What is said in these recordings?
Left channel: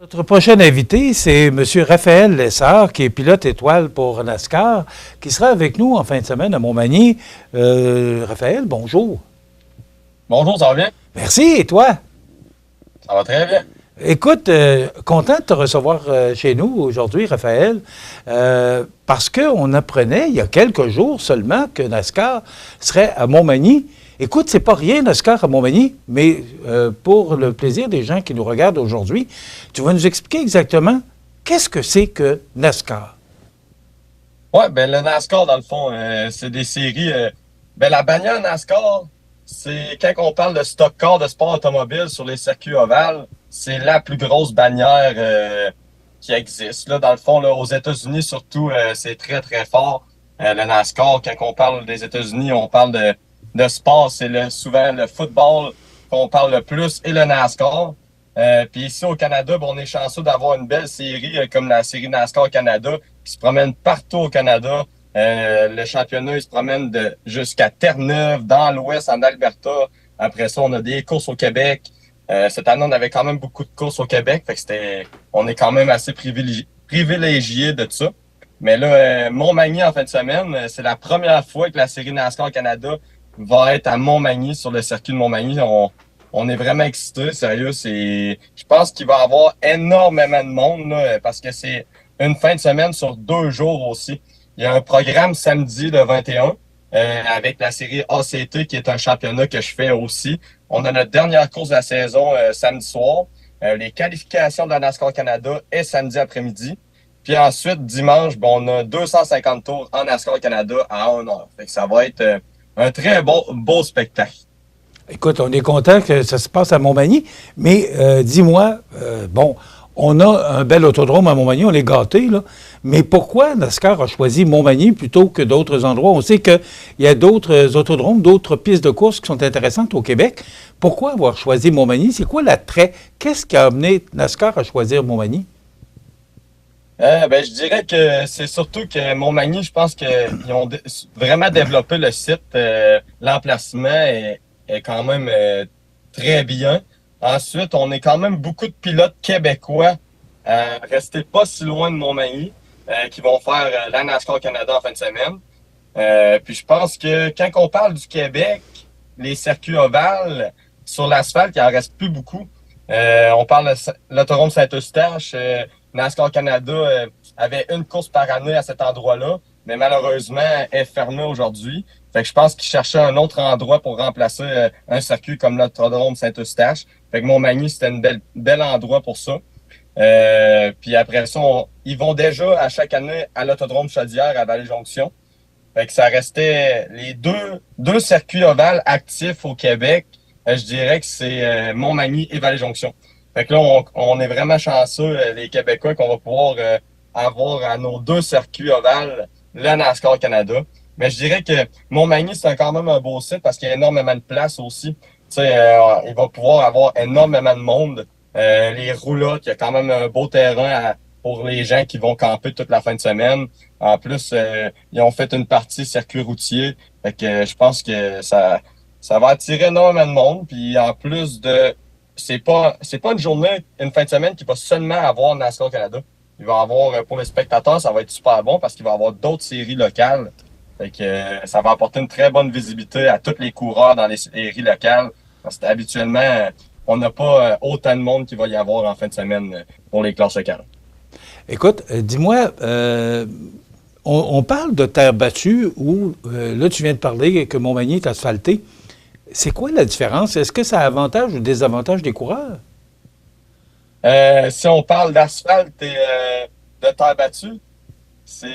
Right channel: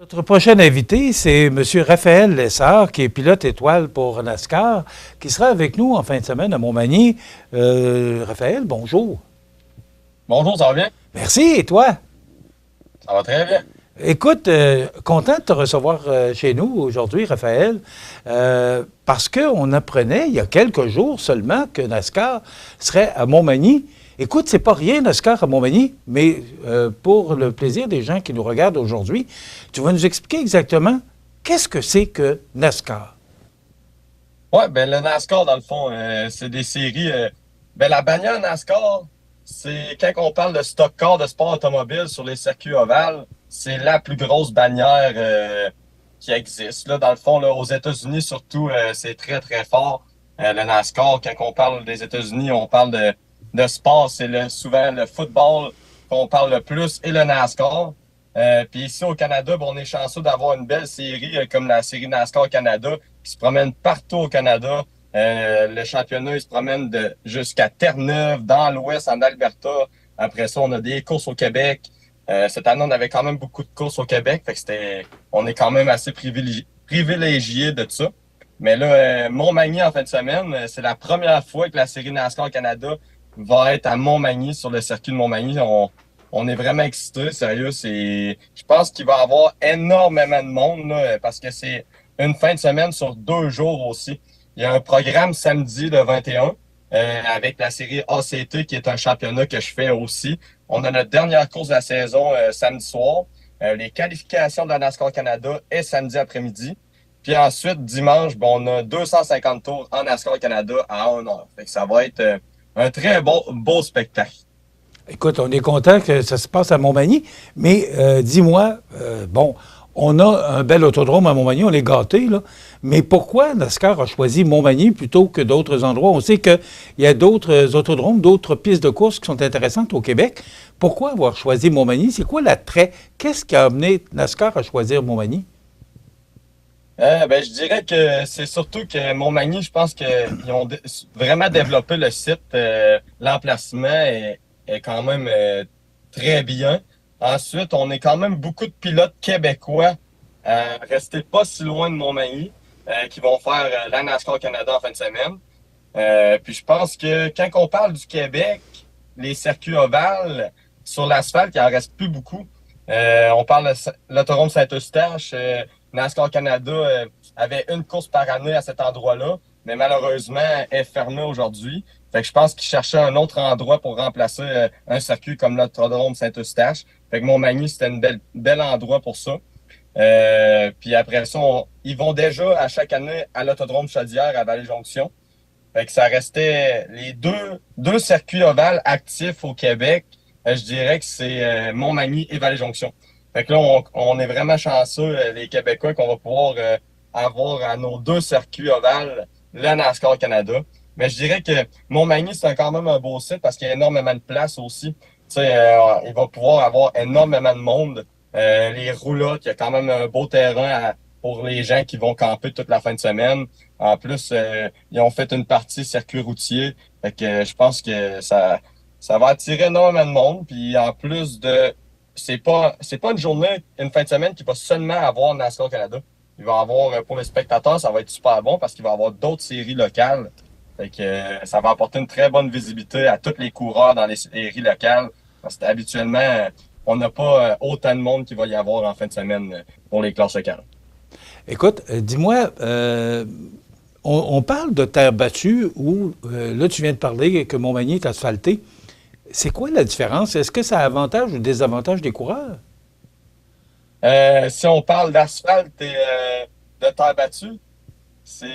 Notre prochain invité, c'est M. Raphaël Lessard, qui est pilote étoile pour NASCAR, qui sera avec nous en fin de semaine à Montmagny. Raphaël, bonjour. Bonjour, ça va bien? Merci, et toi? Ça va très bien. Écoute, content de te recevoir chez nous aujourd'hui, Raphaël, parce qu'on apprenait il y a quelques jours seulement que NASCAR serait à Montmagny. Écoute, c'est pas rien NASCAR à Montmagny, mais pour le plaisir des gens qui nous regardent aujourd'hui, tu vas nous expliquer exactement qu'est-ce que c'est que NASCAR. Ouais, ben le NASCAR, dans le fond, c'est des séries. La bannière NASCAR, c'est quand on parle de stock car de sport automobile sur les circuits ovales, c'est la plus grosse bannière qui existe. Là, dans le fond, là, aux États-Unis, surtout, c'est très, très fort. Le NASCAR, quand on parle des États-Unis, on parle de sport, c'est souvent le football qu'on parle le plus et le NASCAR. Puis ici au Canada, ben, on est chanceux d'avoir une belle série comme la série NASCAR Canada qui se promène partout au Canada. Le championnat, il se promène jusqu'à Terre-Neuve, dans l'Ouest, en Alberta. Après ça, on a des courses au Québec. Cette année, on avait quand même beaucoup de courses au Québec. Fait que on est quand même assez privilégié de ça. Mais là, Montmagny en fin de semaine, c'est la première fois que la série NASCAR Canada va être à Montmagny, sur le circuit de Montmagny. On est vraiment excités, sérieux. Je pense qu'il va y avoir énormément de monde là, parce que c'est une fin de semaine sur 2 jours aussi. Il y a un programme samedi le 21 avec la série ACT qui est un championnat que je fais aussi. On a notre dernière course de la saison samedi soir. Les qualifications de la NASCAR Canada est samedi après-midi. Puis ensuite, dimanche, bon, on a 250 tours en NASCAR Canada à 1 heure. Fait que ça va être un très beau spectacle. Écoute, on est content que ça se passe à Montmagny, mais dis-moi, bon, on a un bel autodrome à Montmagny, on est gâtés, là, mais pourquoi NASCAR a choisi Montmagny plutôt que d'autres endroits? On sait qu'il y a d'autres autodromes, d'autres pistes de course qui sont intéressantes au Québec. Pourquoi avoir choisi Montmagny? C'est quoi l'attrait? Qu'est-ce qui a amené NASCAR à choisir Montmagny? Je dirais que c'est surtout que Montmagny, je pense qu'ils ont vraiment développé le site. L'emplacement est quand même très bien. Ensuite, on est quand même beaucoup de pilotes québécois restés pas si loin de Montmagny qui vont faire la NASCAR Canada en fin de semaine. Puis je pense que quand on parle du Québec, les circuits ovales, sur l'asphalte, il en reste plus beaucoup. On parle de l'autodrome Saint-Eustache. NASCAR Canada avait une course par année à cet endroit-là, mais malheureusement est fermé aujourd'hui. Fait que je pense qu'ils cherchaient un autre endroit pour remplacer un circuit comme l'autodrome Saint-Eustache. Fait que Montmagny, c'était un bel endroit pour ça. Puis après ça, ils vont déjà à chaque année à l'autodrome Chaudière à Vallée-Jonction. Fait que ça restait les deux circuits ovales actifs au Québec. Je dirais que c'est Montmagny et Vallée-Jonction. Fait que là, on est vraiment chanceux, les Québécois, qu'on va pouvoir avoir à nos 2 circuits ovales le NASCAR Canada. Mais je dirais que Montmagny, c'est quand même un beau site parce qu'il y a énormément de place aussi. Tu sais, il va pouvoir avoir énormément de monde. Les roulottes, il y a quand même un beau terrain pour les gens qui vont camper toute la fin de semaine. En plus, ils ont fait une partie circuit routier. Fait que je pense que ça va attirer énormément de monde. Puis en plus c'est pas une journée, une fin de semaine qui va seulement avoir NASCAR Canada. Il va avoir, pour les spectateurs, ça va être super bon parce qu'il va y avoir d'autres séries locales. Fait que ça va apporter une très bonne visibilité à tous les coureurs dans les séries locales. Parce que habituellement, on n'a pas autant de monde qu'il va y avoir en fin de semaine pour les classes locales. Écoute, dis-moi, on parle de terre battue où, là, tu viens de parler que Montmagny est asphalté. C'est quoi la différence? Est-ce que ça avantage ou désavantage des coureurs? Si on parle d'asphalte et de terre battue, c'est,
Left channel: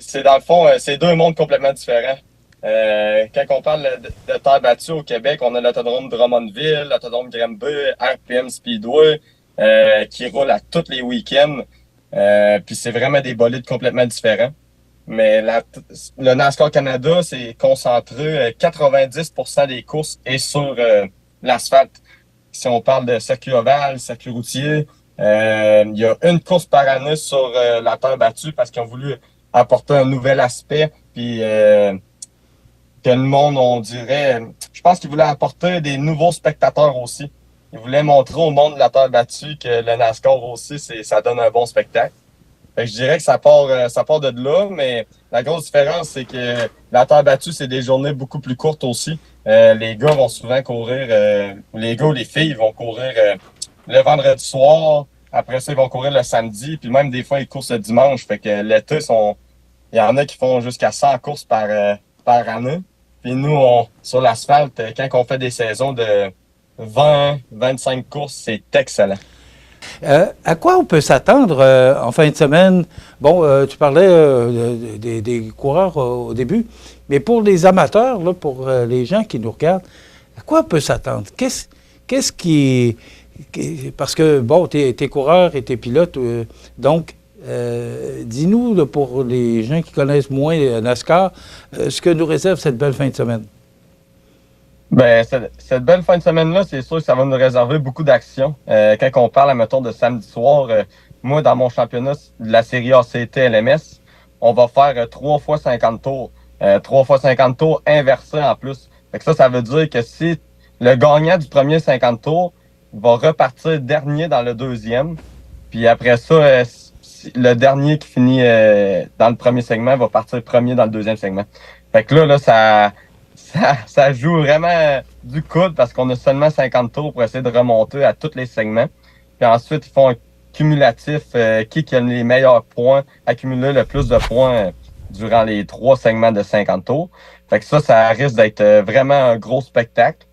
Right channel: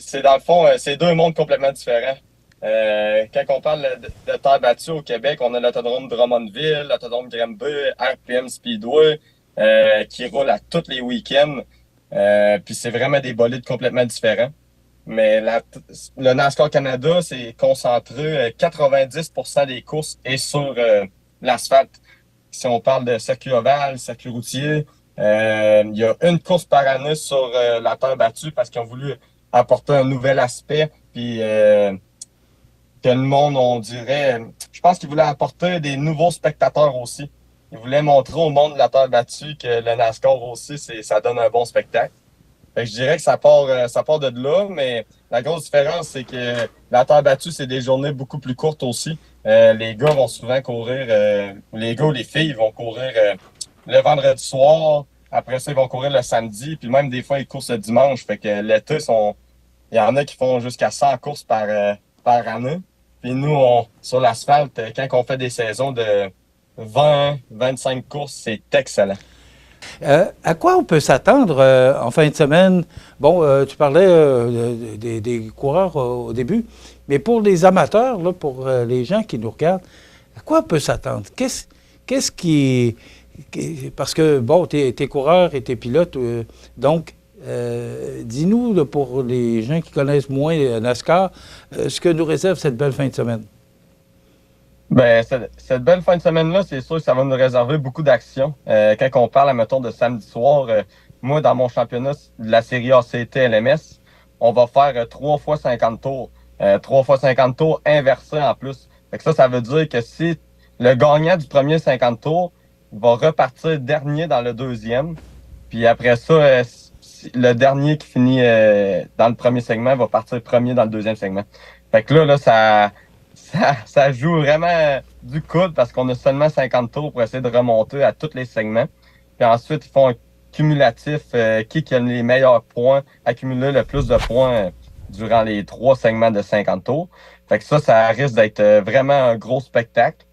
c'est dans le fond, c'est 2 mondes complètement différents. Quand on parle de terre battue au Québec, on a l'autodrome Drummondville, l'autodrome Granby, RPM Speedway, qui roule à tous les week-ends. Puis c'est vraiment des bolides complètement différents. Mais le NASCAR Canada, c'est concentré 90% des courses est sur l'asphalte. Si on parle de circuit ovale, circuit routier, il y a une course par année sur la terre battue parce qu'ils ont voulu apporter un nouvel aspect. Puis que le monde, on dirait, je pense qu'ils voulaient apporter des nouveaux spectateurs aussi. Ils voulaient montrer au monde de la terre battue que le NASCAR aussi, ça donne un bon spectacle. Fait que je dirais que ça part de là, mais la grosse différence, c'est que la terre battue, c'est des journées beaucoup plus courtes aussi. Les gars vont souvent courir, les gars ou les filles vont courir le vendredi soir. Après ça, ils vont courir le samedi. Puis même des fois, ils courent le dimanche. Fait que l'été, il y en a qui font jusqu'à 100 courses par année. Puis nous, sur l'asphalte, quand on fait des saisons de 20, 25 courses, c'est excellent. À quoi on peut s'attendre en fin de semaine? Bon, tu parlais des coureurs au début, mais pour les amateurs, là, pour les gens qui nous regardent, à quoi on peut s'attendre? Qu'est-ce parce que, bon, t'es coureur et t'es pilote, donc, dis-nous, là, pour les gens qui connaissent moins NASCAR, ce que nous réserve cette belle fin de semaine. Ben, cette belle fin de semaine-là, c'est sûr que ça va nous réserver beaucoup d'actions. Quand on parle, mettons, de samedi soir, moi, dans mon championnat de la série ACT LMS, on va faire 3 fois 50 tours. 3 fois 50 tours inversés en plus. Fait que ça veut dire que si le gagnant du premier 50 tours va repartir dernier dans le deuxième, puis après ça, le dernier qui finit dans le premier segment va partir premier dans le deuxième segment. Fait que là, ça joue vraiment du coude parce qu'on a seulement 50 tours pour essayer de remonter à tous les segments. Puis ensuite, ils font un cumulatif, qui a les meilleurs points, accumuler le plus de points durant les 3 segments de 50 tours. Fait que ça risque d'être vraiment un gros spectacle.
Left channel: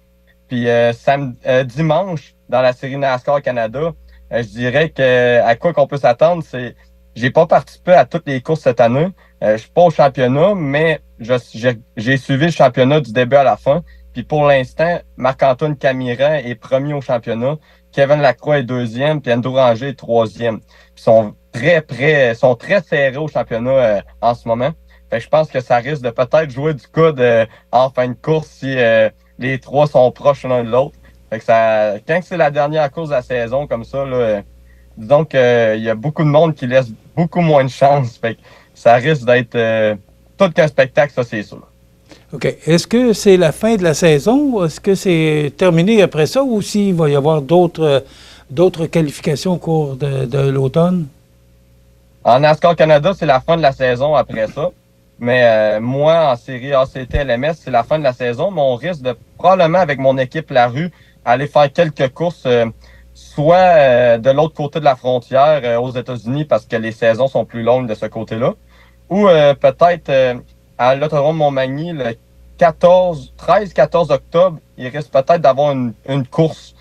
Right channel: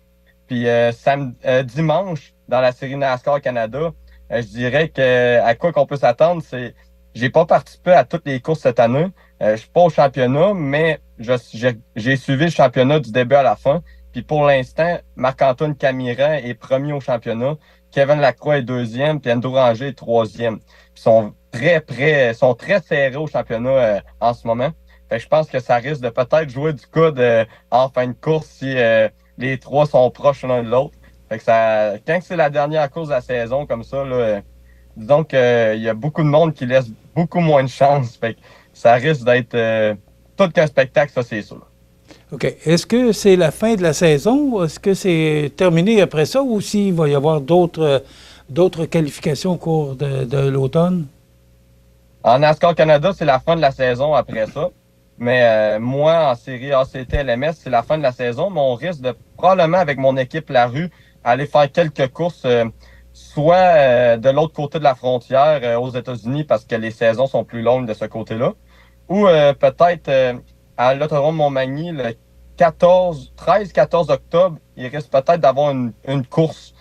Puis dimanche, dans la série NASCAR Canada, je dirais que à quoi qu'on peut s'attendre, j'ai pas participé à toutes les courses cette année. Je suis pas au championnat, mais j'ai suivi le championnat du début à la fin. Puis pour l'instant, Marc-Antoine Camiran est premier au championnat, Kevin Lacroix est deuxième, puis Andrew Ranger est troisième. Ils sont très près, sont très serrés au championnat en ce moment. Fait que je pense que ça risque de peut-être jouer du coude en fin de course si les trois sont proches l'un de l'autre. Fait que quand c'est la dernière course de la saison comme ça, là, disons qu'il y a beaucoup de monde qui laisse beaucoup moins de chance. Fait que ça risque d'être tout qu'un spectacle, ça c'est sûr. OK. Est-ce que c'est la fin de la saison ou est-ce que c'est terminé après ça ou s'il va y avoir d'autres qualifications au cours de l'automne? En NASCAR Canada, c'est la fin de la saison après ça. Mais moi, en série ACT LMS, c'est la fin de la saison. Mais on risque de, probablement avec mon équipe La Rue, aller faire quelques courses, soit de l'autre côté de la frontière aux États-Unis parce que les saisons sont plus longues de ce côté-là, ou peut-être à l'Autodrome Montmagny le 13-14 octobre, il risque peut-être d'avoir une course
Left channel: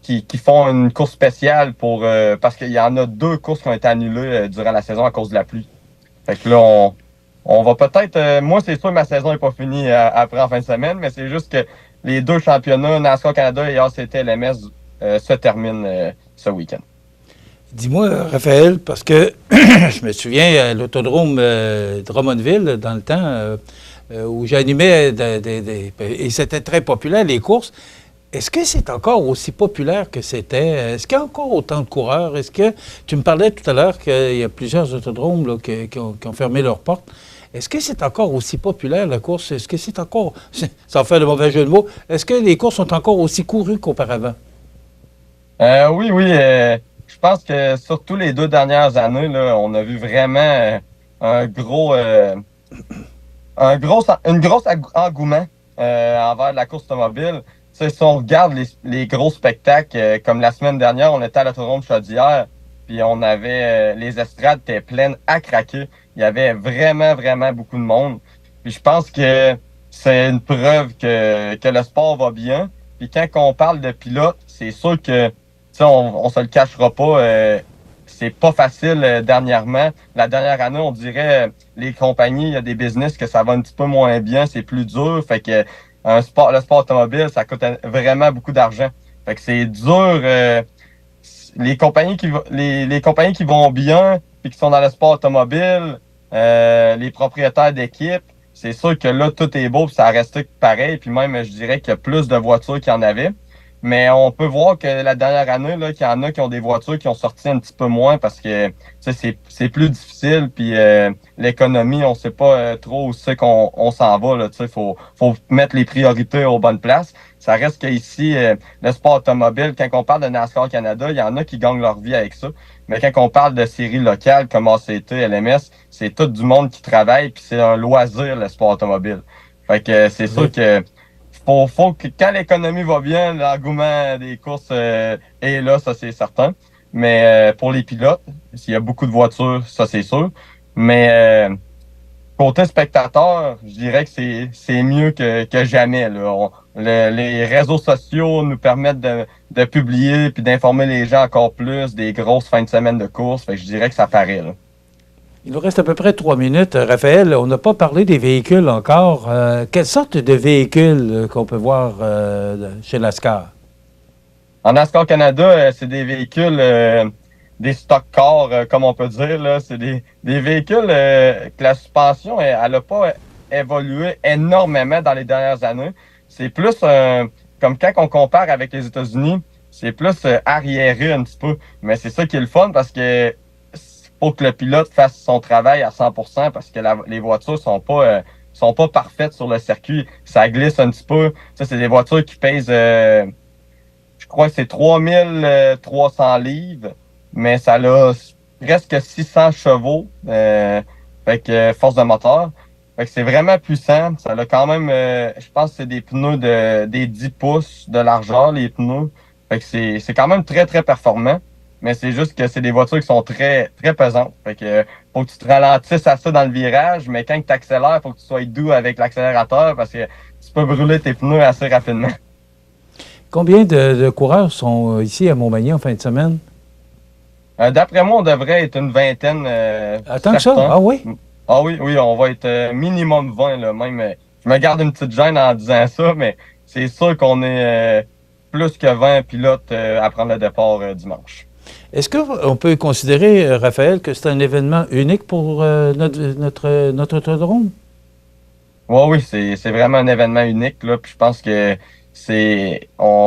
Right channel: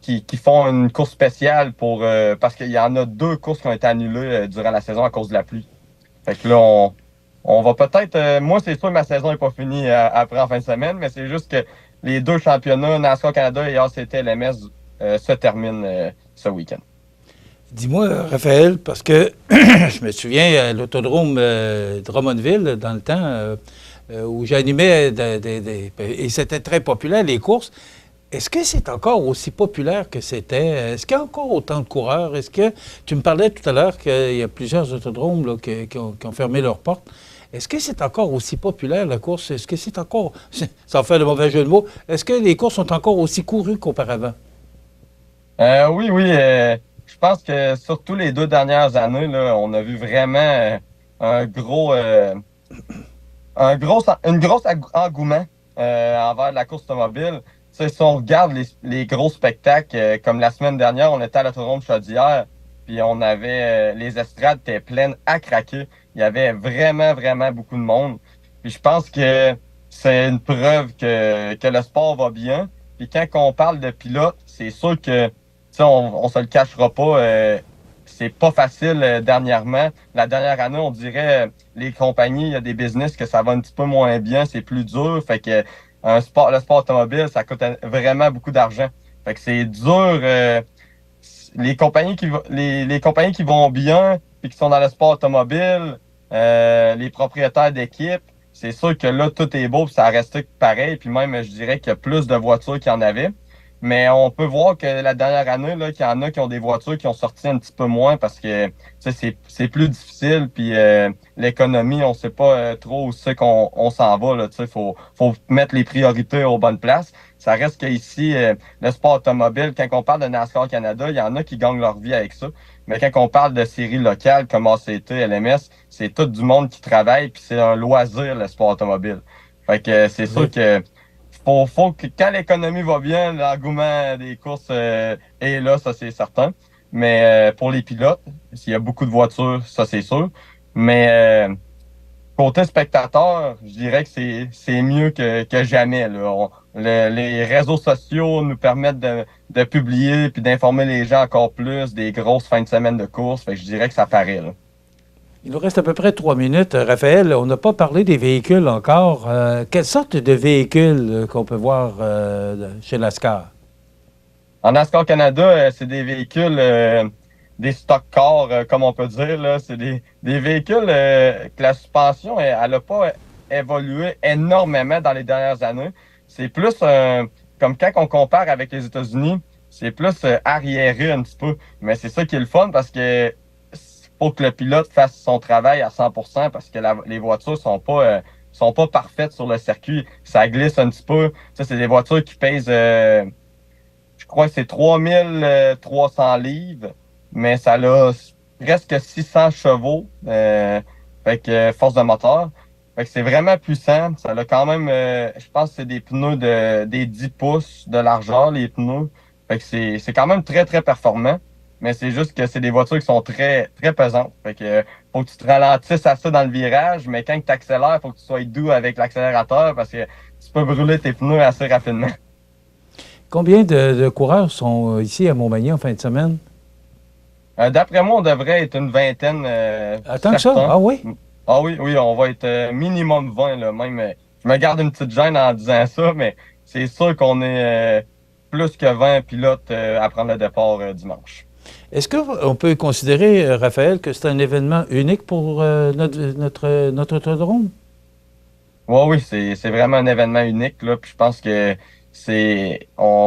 qui font une course spéciale parce qu'il y en a 2 courses qui ont été annulées durant la saison à cause de la pluie. Fait que là, on va peut-être. Moi, c'est sûr que ma saison n'est pas finie après en fin de semaine, mais c'est juste que les 2 championnats, NASCAR Canada et ACT LMS, se terminent ce week-end. Dis-moi, Raphaël, parce que je me souviens à l'autodrome Drummondville, dans le temps, où j'animais et c'était très populaire, les courses. Est-ce que c'est encore aussi populaire que c'était? Est-ce qu'il y a encore autant de coureurs? Est-ce que tu me parlais tout à l'heure qu'il y a plusieurs autodromes là, qui ont fermé leurs portes? Est-ce que c'est encore aussi populaire la course? Est-ce que c'est encore, sans faire de mauvais jeu de mots, est-ce que les courses sont encore aussi courues qu'auparavant? Oui, oui. Je pense que surtout les 2 dernières années, là, on a vu vraiment un gros, une grosse engouement envers la course automobile. Tu sais, si on regarde les gros spectacles, comme la semaine dernière, on était à l'autodrome de Chaudière, puis on avait les estrades étaient pleines à craquer. Il y avait vraiment, vraiment beaucoup de monde. Puis je pense que c'est une preuve que le sport va bien. Puis quand on parle de pilotes, c'est sûr que ça, on se le cachera pas. C'est pas facile dernièrement. La dernière année, on dirait les compagnies, il y a des business que ça va un petit peu moins bien, c'est plus dur. Fait que le sport automobile, ça coûte vraiment beaucoup d'argent. Fait que c'est dur. Les compagnies qui vont bien et qui sont dans le sport automobile, les propriétaires d'équipes, c'est sûr que là, tout est beau, puis ça reste pareil. Puis même, je dirais qu'il y a plus de voitures qu'il y en avait. Mais on peut voir que la dernière année, là, qu'il y en a qui ont des voitures qui ont sorti un petit peu moins parce que c'est plus difficile. Puis l'économie, on sait pas trop où c'est qu'on s'en va. Là, faut mettre les priorités aux bonnes places. ça reste qu'ici, le sport automobile, quand on parle de NASCAR Canada, il y en a qui gagnent leur vie avec ça. Mais quand on parle de séries locales comme ACT, LMS, c'est tout du monde qui travaille, puis c'est un loisir, le sport automobile. Fait que c'est sûr que faut que quand l'économie va bien, l'engouement des courses est là, ça c'est certain. Mais pour les pilotes, s'il y a beaucoup de voitures, ça c'est sûr. Mais côté spectateur, je dirais que c'est mieux que jamais. Là. Les réseaux sociaux nous permettent de publier puis d'informer les gens encore plus des grosses fins de semaine de course. Fait que je dirais que ça paraît. Là. Il nous reste à peu près 3 minutes. Raphaël, on n'a pas parlé des véhicules encore. Quelle sorte de véhicules qu'on peut voir chez NASCAR? En NASCAR Canada, c'est des véhicules, des stock cars, comme on peut dire. Là. C'est des véhicules que la suspension, elle n'a pas évolué énormément dans les dernières années. C'est plus comme quand on compare avec les États-Unis, c'est plus arriéré un petit peu. Mais c'est ça qui est le fun parce que faut que le pilote fasse son travail à 100% parce que les voitures sont pas parfaites sur le circuit. Ça glisse un petit peu. Ça, c'est des voitures qui pèsent, je crois que c'est 3300 livres, mais ça a presque 600 chevaux, fait que force de moteur. Fait que c'est vraiment puissant. Ça a quand même, je pense que c'est des pneus des 10 pouces de largeur, les pneus. Fait que c'est quand même très, très performant. Mais c'est juste que c'est des voitures qui sont très, très pesantes. Fait que faut que tu te ralentisses à ça dans le virage, mais quand tu accélères, faut que tu sois doux avec l'accélérateur parce que tu peux brûler tes pneus assez rapidement. Combien de coureurs sont ici à Montmagny en fin de semaine? D'après moi, on devrait être une vingtaine. Tant que ça? Ah oui? Ah oui, oui, on va être minimum 20 là, même. Je me garde une petite gêne en disant ça, mais c'est sûr qu'on est plus que 20 pilotes à prendre le départ dimanche. Est-ce qu'on peut considérer, Raphaël, que c'est un événement unique pour notre autodrome? Oui, c'est vraiment un événement unique, là. Puis je pense que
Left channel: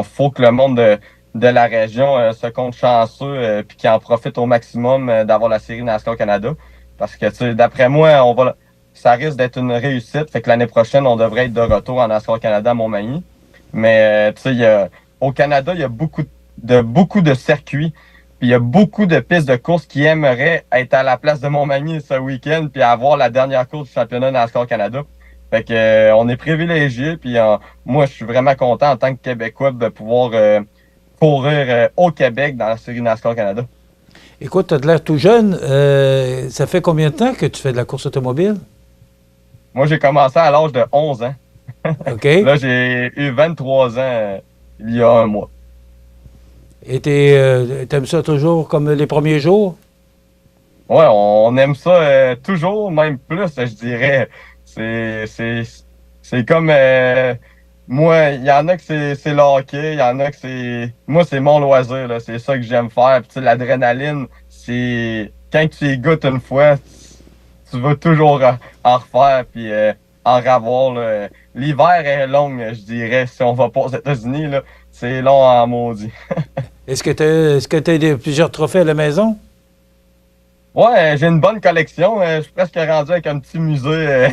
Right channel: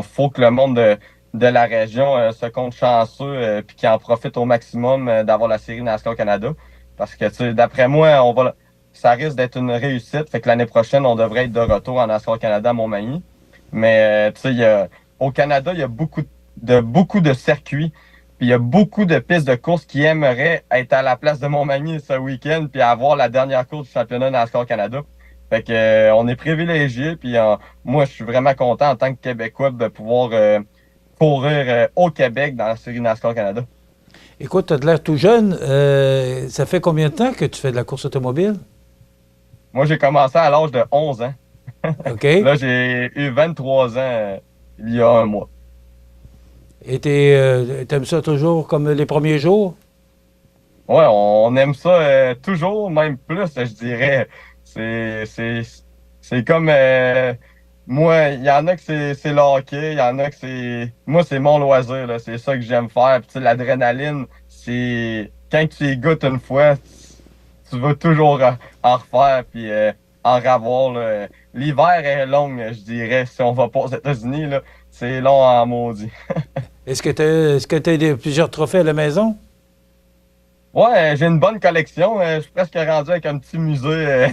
faut que le monde de la région se compte chanceux puis qu'il en profite au maximum d'avoir la série NASCAR Canada. Parce que, tu sais, d'après moi, ça risque d'être une réussite. Fait que l'année prochaine, on devrait être de retour en NASCAR Canada à Montmagny. Mais, tu sais, au Canada, il y a beaucoup de circuits. Puis il y a beaucoup de pistes de course qui aimeraient être à la place de Montmagny ce week-end puis avoir la dernière course du championnat NASCAR Canada. Fait que on est privilégiés. Puis moi, je suis vraiment content en tant que Québécois de pouvoir courir au Québec dans la série NASCAR Canada. Écoute, tu as de l'air tout jeune. Ça fait combien de temps que tu fais de la course automobile? Moi, j'ai commencé à l'âge de 11 ans. OK. Là, j'ai eu 23 ans il y a un mois. Et t'aimes ça toujours comme les premiers jours? Ouais, on aime ça toujours, même plus, je dirais. C'est comme moi, il y en a que c'est le hockey, il y en a que moi, c'est mon loisir, là. C'est ça que j'aime faire. Puis tu sais, l'adrénaline, c'est quand tu y goûtes une fois, tu veux toujours en refaire puis en revoir. Là. L'hiver est long, je dirais, si on va pas aux États-Unis, là, c'est long en maudit. Est-ce que tu as plusieurs trophées à la maison? Ouais, j'ai une bonne collection. Je suis presque rendu avec un petit musée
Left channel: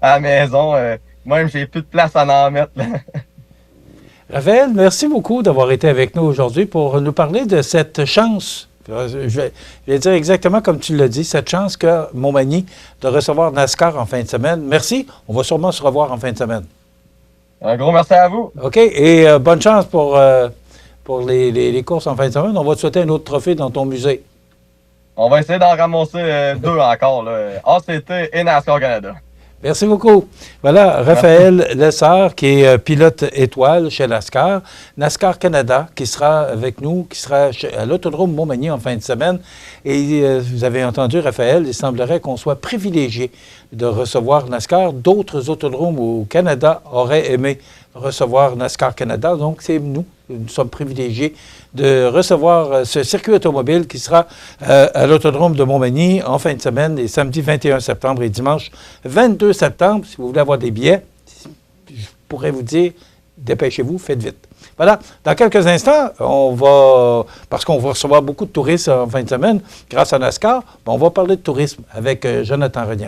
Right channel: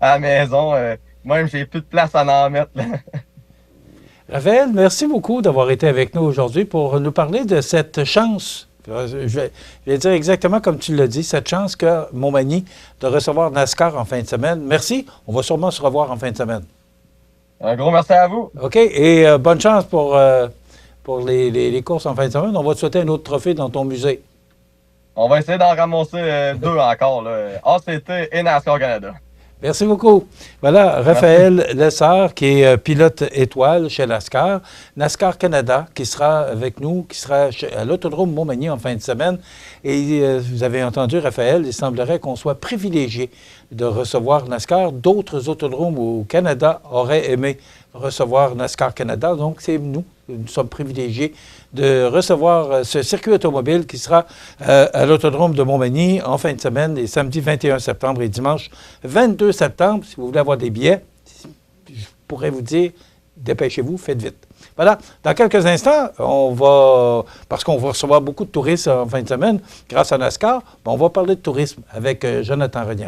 à la maison. Même, j'ai plus de place à en mettre. Là. Raphaël, merci beaucoup d'avoir été avec nous aujourd'hui pour nous parler de cette chance. Je vais dire exactement comme tu l'as dit, cette chance qu'a Montmagny de recevoir NASCAR en fin de semaine. Merci. On va sûrement se revoir en fin de semaine. Un gros merci à vous. OK. Et bonne chance pour les courses en fin de semaine. On va te souhaiter un autre trophée dans ton musée. On va essayer d'en ramasser 2 encore. Là. ACT et NASCAR Canada. Merci beaucoup. Voilà, Raphaël Lessard, qui est pilote étoile chez NASCAR. NASCAR Canada, qui sera avec nous, qui sera à l'Autodrome Montmagny en fin de semaine. Et vous avez entendu, Raphaël, il semblerait qu'on soit privilégié de recevoir NASCAR. D'autres autodromes au Canada auraient aimé recevoir NASCAR Canada. Donc, c'est nous. Nous sommes privilégiés de recevoir ce circuit automobile qui sera à l'Autodrome de Montmagny en fin de semaine, les samedis 21 septembre et dimanche 22 septembre. Si vous voulez avoir des billets, je pourrais vous dire, dépêchez-vous, faites vite. Voilà, dans quelques instants, parce qu'on va recevoir beaucoup de touristes en fin de semaine grâce à NASCAR, on va parler de tourisme avec Jonathan Renière.